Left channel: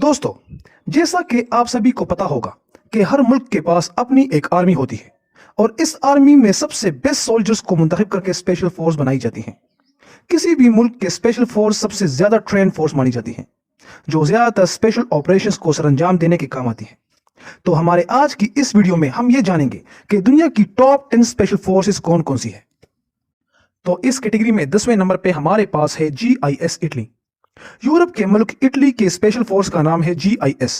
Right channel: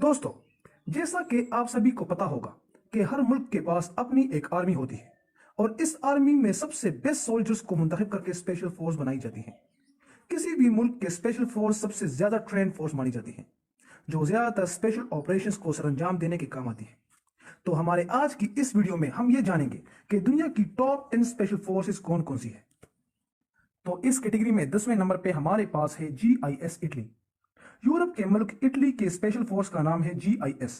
दोस्तों, जैसा कि आप सभी को पता होगा कि हर मुल्क के पास अपनी एक आर्मी होती है और इस आर्मी में सबसे बेस्ट सोल्जर्स को मुंतखब करके स्पेशल फोर्स बनाई जाती है। किसी भी मुल्क के स्पेशल फोर्स सबसे ज्यादा ट्रेन फोर्स मानी जाती है जो ज्यादातर स्पेशल ऑपरेशंस को सरंजाम देने के काम आती है। तो हमारे आज की इस वीडियो में हम ये जानेंगे कि दुनिया की टॉप 10 स्पेशल फोर्सेस कौन कौन सी है। तो इस कैटेगरी में 10वें नंबर पे हमारे पास है GIS इटली। यूरोप के मुल्क इटली के स्पेशल फोर्स का नाम है GIS।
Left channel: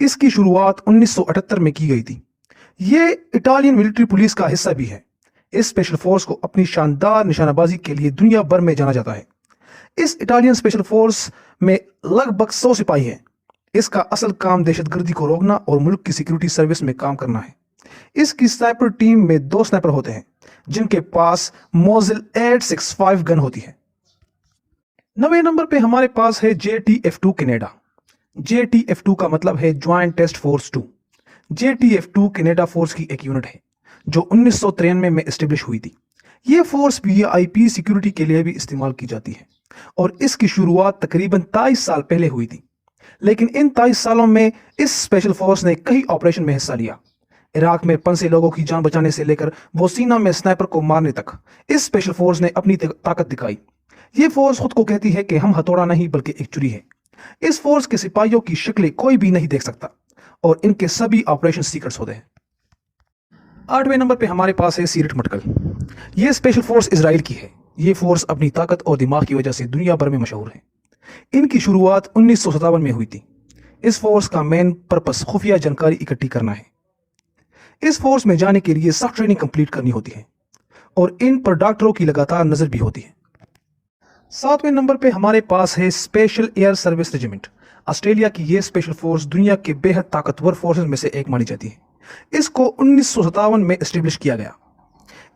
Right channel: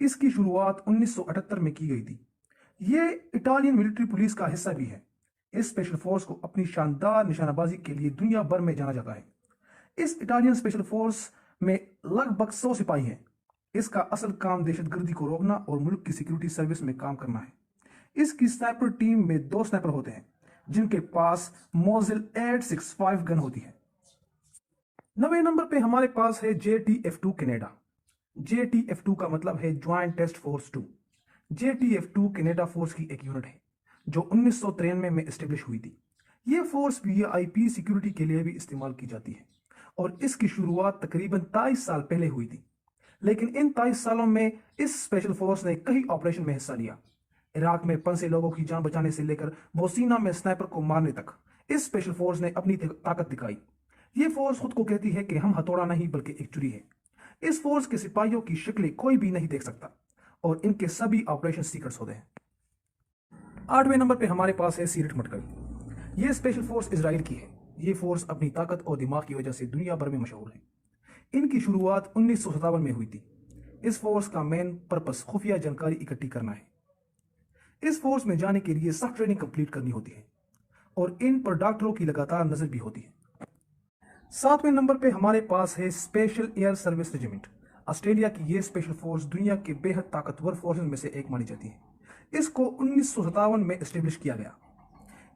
इसकी शुरुआत 1978 में की गई थी। ये इटालियन मिलिट्री पुलिस का हिस्सा भी है। इस स्पेशल फोर्स को अपनी शानदार निशानाबाजी के लिए दुनिया भर में जाना जाता है। इस इटालियन स्पेशल फोर्स में लगभग 100 सिपाही हैं। इसका असल काम दहशतगर्दी को रोकना और मुल्क की सिक्योरिटी सर्विस में काम करना है। इसकी स्नाइपर टीम में 2 स्नाइपर होते हैं जिनके पास मोजिल 865 गन होती है। 9वें नंबर पे हमारे पास है JTF2 कनाडा। JTF2 का मतलब है joint test force 2। JTF2 Canada force की एक यूनिट है जो 1993 में एस्टेब्लिश हुई थी। ये फोर्स VIP सिक्योरिटी के लिए भी इस्तेमाल की जाती है और इसकी शुरुआत तकरीबन 23 साल पहले हुई थी। लेकिन इन 23 सालों में इस स्पेशल फोर्स ने कई ऑपरेशन में हिस्सा लिया। इराक में फंसे लोगों की जान बचाने से लेकर बोसीना में स्नाइपर को मारने तक इस स्पेशल फोर्स ने अपनी ताकत दिखाई। ये फोर्स खुद को कहती है कि हम हथौड़ा नहीं बल्कि एक छुरी है। इस फोर्स के सिपाहियों की शक्लें कोई भी नहीं देख सकता और इनके सभी ऑपरेशन सीक्रेट्स होते हैं। 8वें नंबर पे हमारे पास है सीरट मटकल। ये स्पेशल फोर्स इजराइल की है। ये फोर्स अपनी ताकत और दिमाग की वजह से दुनिया भर में मशहूर है। इनकी शुरुआत 1957 में हुई थी। इस फोर्स का मेन पर्पस खुफिया जानकारी इकट्ठी करना है। इस फोर्स में जाने के लिए सख्त ट्रेनिंग कंप्लीट करनी होती है और इन पर डॉक्टरों की लगातार नजर भी होती है। 7वें नंबर पे हमारे पास है special air service regiment. Australia की यह स्पेशल फोर्स दुनिया के बेहद ताकतवर फोर्सेस में से एक मानी जाती है। इसको 1957 में एस्टेब्लिश किया गया।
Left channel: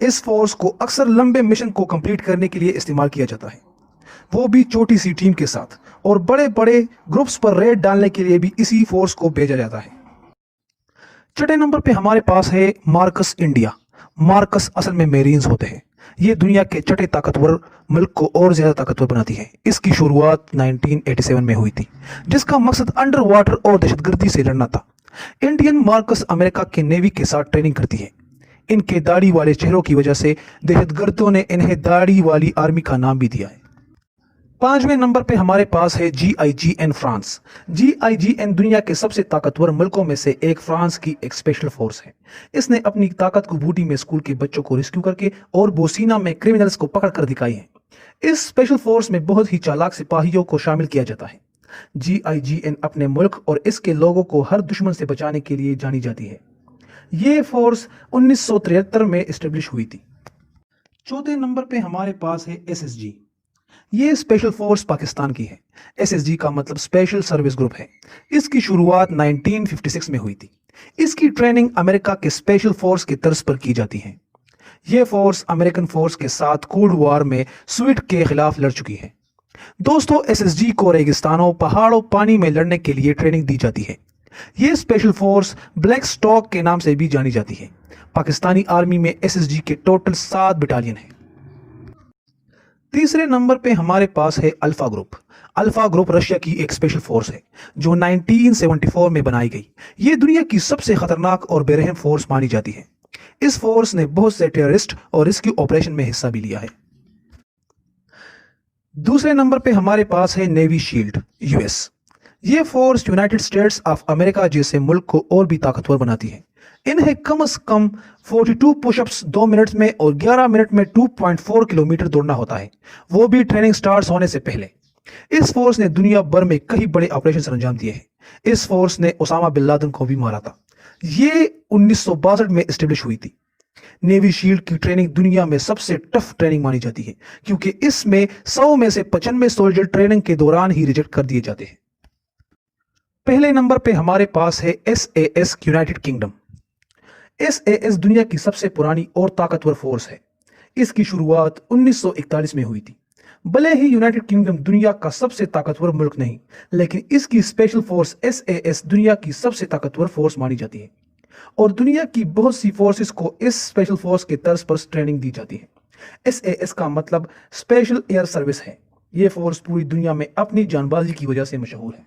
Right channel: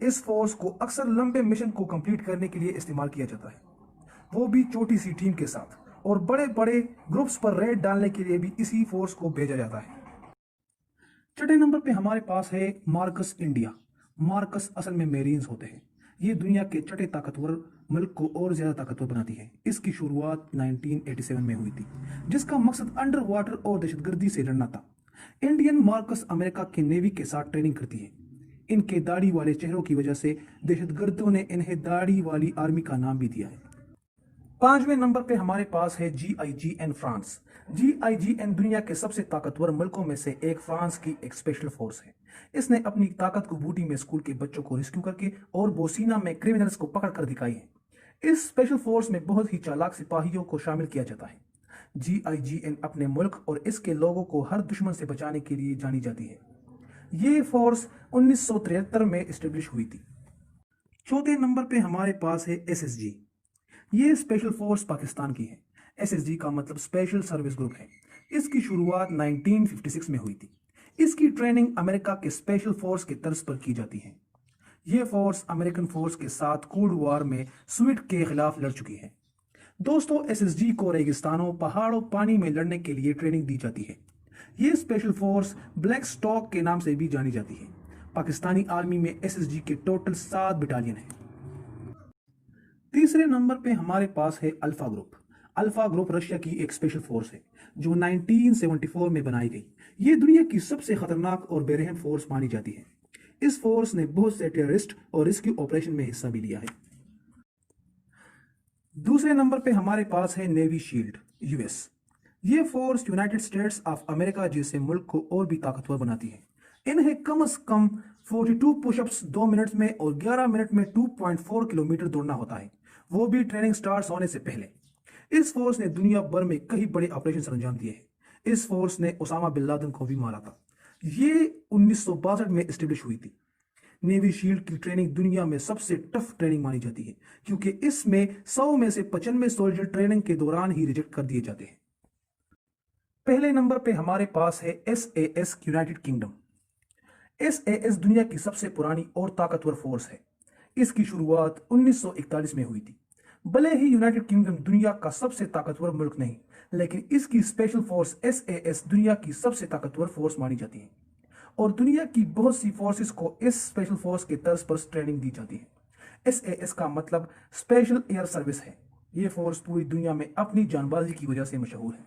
इस फोर्स को अक्सर लंबे मिशन को कंप्लीट करने के लिए इस्तेमाल किया जाता है, वो भी छोटी सी टीम के साथ, और बड़े बड़े ग्रुप्स पर रेड डालने के लिए भी इसी फोर्स को भेजा जाता है। 6वें नंबर पे हमारे पास है मार्कस इंडिया। मार्कस असल में मेरीन्स होते हैं। ये दुनिया के छठे ताकतवर मुल्क को और ज्यादा ताकतवर बनाती है। इसकी शुरुआत 1987 में हुई थी जिसका मकसद अंडर वाटर और दहशतगर्दी से लड़ना था। इंडियन मार्कस अमेरिका के नेवी के साथ ट्रेनिंग करती है। इनके दाढ़ी वाले चेहरों की वजह से दहशतगर्दों ने इन्हें दाढ़ी वाली आर्मी का नाम भी दिया है। 5वें नंबर पे हमारे पास है GIGN फ्रांस। GIGN दुनिया के सबसे ताकतवर मुल्कों में से एक फ्रांस की एक स्पेशल फोर्स है। इसने अपनी ताकत को बूटी में स्कूल के बच्चों को रेस्क्यू करके और बोसीना में क्रिमिनल्स को पकड़ कर दिखाई है। इस स्पेशल फोर्स में बहुत ही चालाक सिपाहियों को शामिल किया जाता है। GIGN अपने मुल्क और इसके लोगों को हर दुश्मन से बचाने के लिए जानी जाती है। ये फोर्स 1973 में एस्टेब्लिश हुई थी। 4थे नंबर पे हमारे पास है SSG। ये स्पेशल फोर्स पाकिस्तान की है। SSG का मतलब स्पेशल सर्विस ग्रुप है। इसकी शुरुआत 1956 में हुई थी। इसकी ट्रेनिंग अमेरिका के स्पेशल फोर्स के तर्ज पर की जाती है। यह फोर्स अमेरिकन फोर्स के साथ कोल्ड वॉर में स्वीड के खिलाफ लड़ चुकी है। दोस्तों, SSG को रेगिस्तानों, पहाड़ों, पानी में लड़ने के लिए ट्रेनिंग दी जाती है। यह स्पेशल फोर्स ब्लैक स्टॉक के नाम से भी जानी जाती है। पाकिस्तानी आर्मी में SSG के टोटल 7 बटालियन है। 3रे नंबर पे हमारे पास है alpha group. Alpha group Russia की एक स्पेशल फोर्स है जो 1974 में बनाई गई। ये दुनिया की सबसे खतरनाक और बेरहम फोर्स मानी जाती है। इस फोर्स ने बहुत से टेररिस्ट और रेस्क्यू ऑपरेशन में हिस्सा भी लिया है। 2रे नंबर पे हमारे पास है नेवी शील्ड US। ये force United states of America जैसे मुल्क को और भी ताकतवर बनाती है। इन्हें कम से कम 42 पुशअप्स 2 मिनट में और 11 मिनट में 2.4 किलोमीटर दौड़ना होता है, वो भी ट्रेनिंग स्टार्ट होने से पहले। इस फोर्स ने दुनिया भर में कई बड़े ऑपरेशन अंजाम दिए हैं। इस फोर्स ने ओसामा बिन लादेन को भी मारा था। ये 1962 में एस्टेब्लिश हुई थी। नेवी शील्ड की ट्रेनिंग दुनिया में सबसे टफ ट्रेनिंग मानी जाती है क्योंकि इसमें 100 में से 95 सोल्जर ट्रेनिंग के दौरान ही रिजेक्ट कर दिए जाते हैं। पहले नंबर पे हमारे पास है SAS यूनाइटेड किंगडम। SAS दुनिया की सबसे पुरानी और ताकतवर फोर्स है। इसकी शुरुआत 1941 में हुई थी। भले ही यूनाइटेड किंगडम दुनिया का सबसे ताकतवर मुल्क नहीं, लेकिन इसकी स्पेशल फोर्स SAS दुनिया की सबसे ताकतवर फोर्स मानी जाती है और दुनिया की बहुत सी फोर्सेस को इस स्पेशल फोर्स के तर्ज पर ट्रेनिंग दी जाती है। SAS का मतलब स्पेशल एयर सर्विस है। यह फोर्स पूरी दुनिया में अपनी जानबाजी की वजह से मशहूर है।